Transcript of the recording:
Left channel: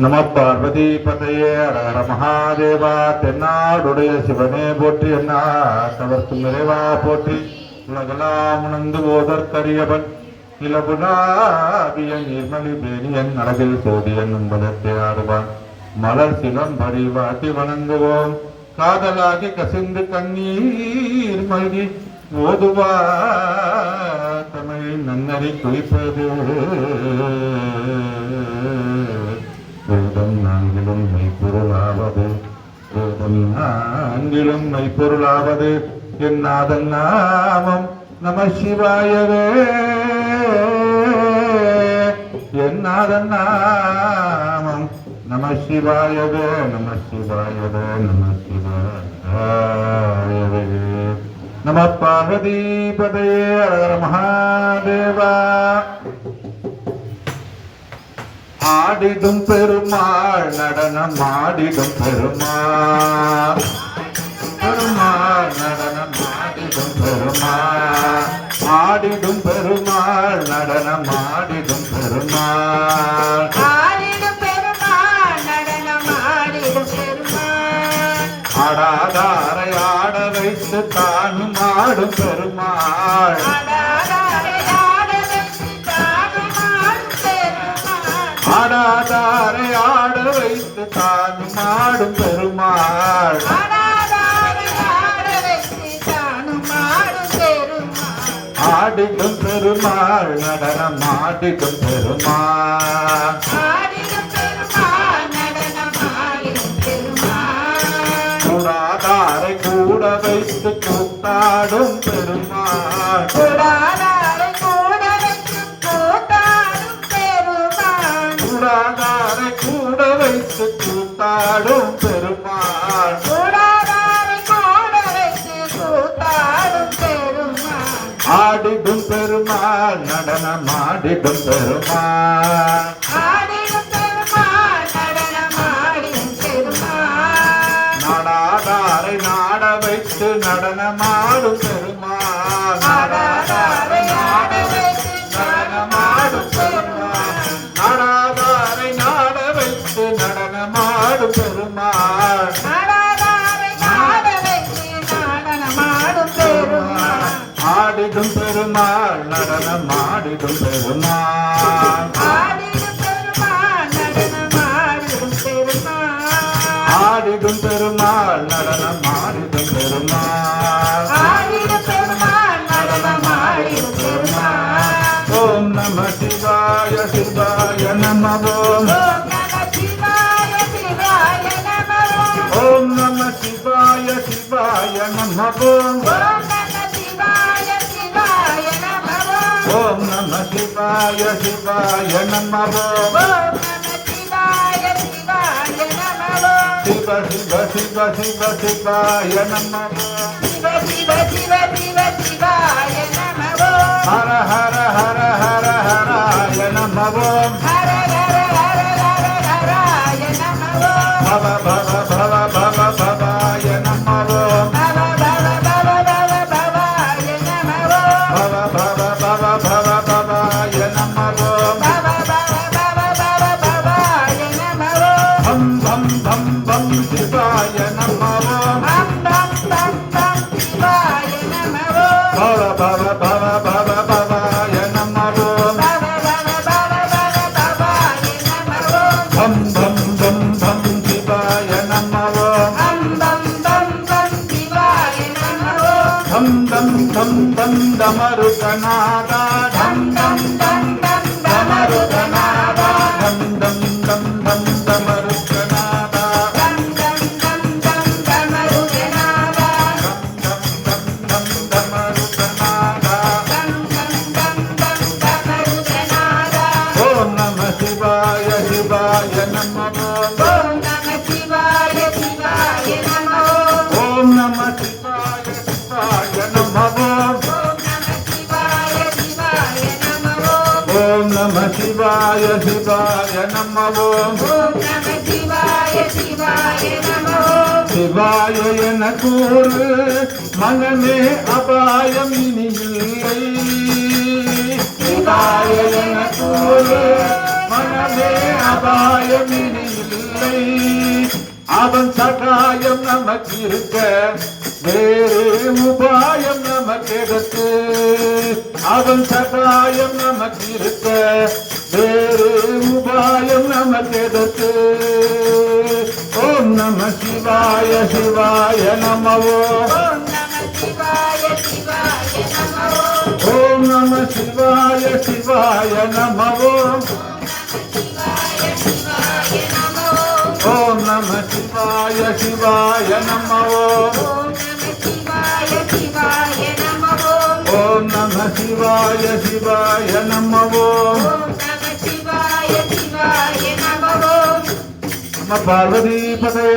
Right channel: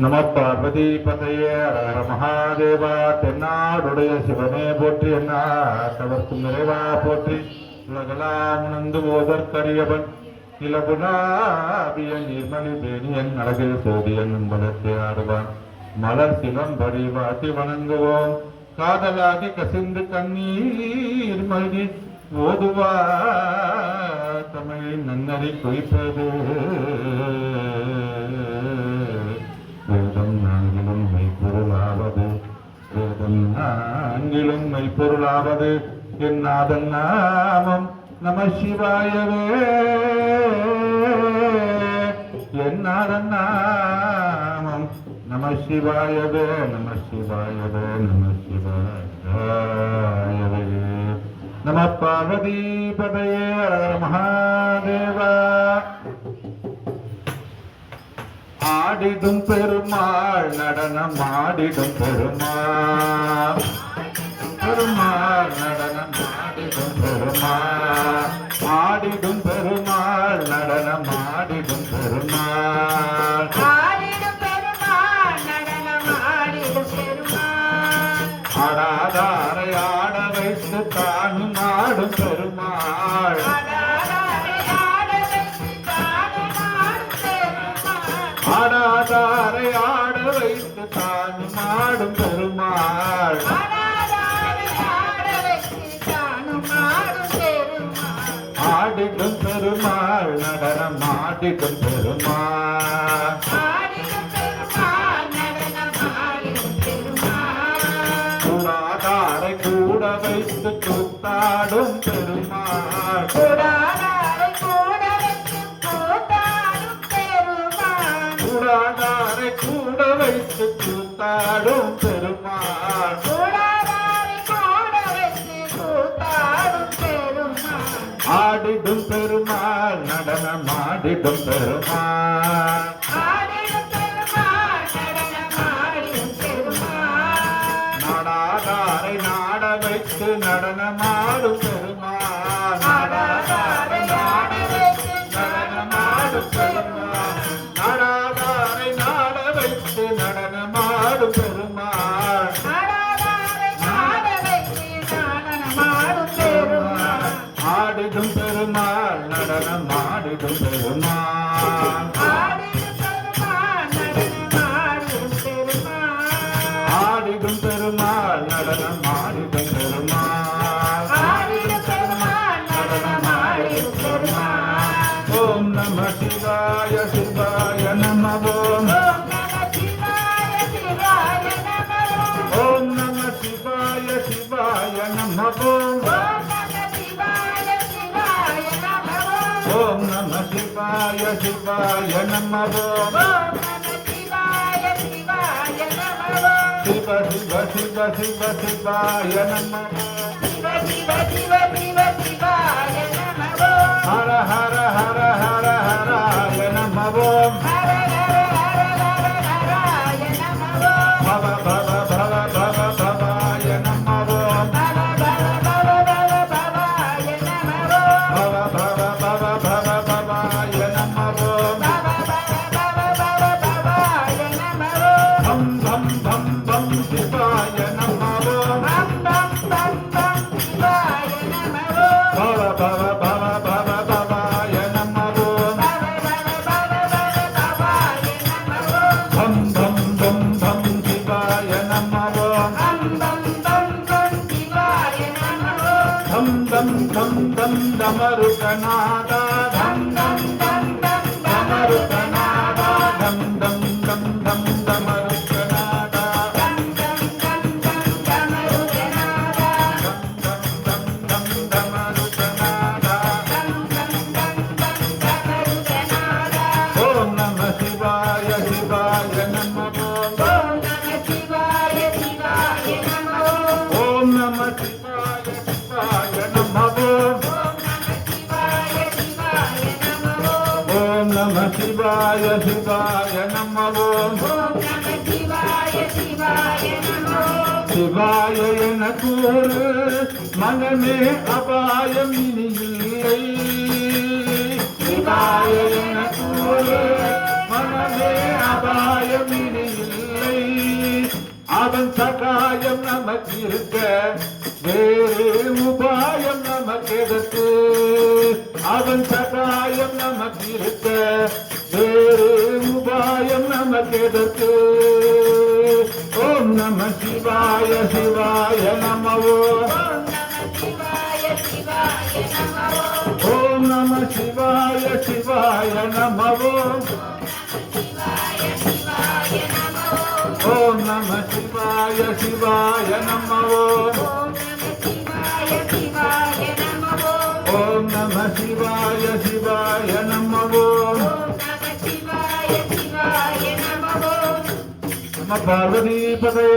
நம பார்வதி பதையே அரஹர மகாதேவா. தென்னாடுடைய சிவனே போற்றி, என்ன கவர்க்கும் நிறைவா போற்றி. உலகலாம் உணர்ந்து போதற்கரியவன் இலபுனாபிய நீர்மலி பேணியன் அழகில் சோதியன் என்பதற்கு ஆடுவான். மலர் சிலம்படி வாட்டி வணங்குவோம், காதலாகி கசிந்து கண்ணீர் மல்கி ஓதுவா தமிழின் நன்னறி குறிப்பது. வேதம் நான்கிலும் மெய்ப்பொருளாவது, வேதம் நான்கிலும் மெய்ப்பொருளாவது என் நாதன் நாமம் நம சிவாயவே. என் நாதன் நாமம் நம சிவாயவே, நம சிவாயவே, நம சிவாயவே. நம பார்வதி பதையே அரஹர மகாதேவா. ஆடிடும் பெருமாள் நடனம் ஆடிடும் பெருமாள், பெருமாள் நடனம் ஆடிடும் பெருமாள். ஆடிடும் பெருமாள் நடனம் ஆடிடும் பெருமாள். ஆடாதாரை ஆட வைத்து தானும் ஆடும் பெருமாள். ஆடாதாரை ஆட வைத்து தானும் ஆடும் பெருமாள். ஆடிடும் பெருமாள் நடனம் ஆடிடும் பெருமாள். கூடாதாரை கூட வைத்து கூத்தாடும் பெருமாள். கூடாதாரை கூட வைத்து கூத்தாடும் பெருமாள். ஆடிடும் பெருமாள் நடனம் ஆடிடும் பெருமாள். நாடாதாரை நாட வைத்து நடனமாடும் பெருமாள். நாடாதாரை நாட வைத்து நடனமாடும் பெருமாள். நாடாதாரை நாட வைத்து நடனமாடும் பெருமாள். ஆடிடும் பெருமாள் நடனம் ஆடிடும் பெருமாள். ஆடிடும் பெருமாள் நடனம் ஆடிடும் பெருமாள். ஓம் நம சிவாய சிவாய நம ஓம். ஓம் நம சிவாய சிவாய நம ஓம். ஓம் நம சிவாய சிவாய நம ஓம். சிவ சிவ சிவ சிவ சிவாய நம ஓம். ஹர ஹர ஹர ஹர ஹராய நம ஓம். பவ பவ பவ பவ பவாய நம ஓம். பவ பவ பவ பவ பவாய நம ஓம். பம் பம் பம் பம் சிவாய நம ஓம். பவ பவ பவ பவ பவாய நம ஓம். பம் பம் பம் பம் சிவாய நம ஓம். தம் தம் தம் தம் டமருகநாதா டம் டம் டம் டம் டமருகநாதா டம் டம் டம் டம் டமருகநாதா டம் டம் டம் டம் டமருகநாதா டம் டம் டம் டம் டமருகநாதா டம் டம் டம் டம் டமருகநாதா. ஓம் நம சிவாய சிவாய நம ஓம். ஓம் நம சிவாய சிவாய நம ஓம். ஓம் நம சிவாய சிவாய நம ஓம். ஓம் நம சிவாய சிவாய நம ஓம். சிவாய என கூறு மனமே அபாயம் இனி இல்லை. சிவாய என கூறு மனமே அபாயம் இனி கவலை அவன் சகாயம் நமக்கு இருக்க வேறு உபாயம் நமக்கு எதற்கு அவன் சகாயம் நமக்கு இருக்க வேறு உபாயம் நமக்கு எதற்கு ஓம் நம சிவாய சிவாய நமவோ ஓம் நம சிவாய சிவாய நமவோ ஓம் நம சிவாய சிவாய நமவோ ஓம் நம சிவாய சிவாய நமவோ நம பார்வதி பதே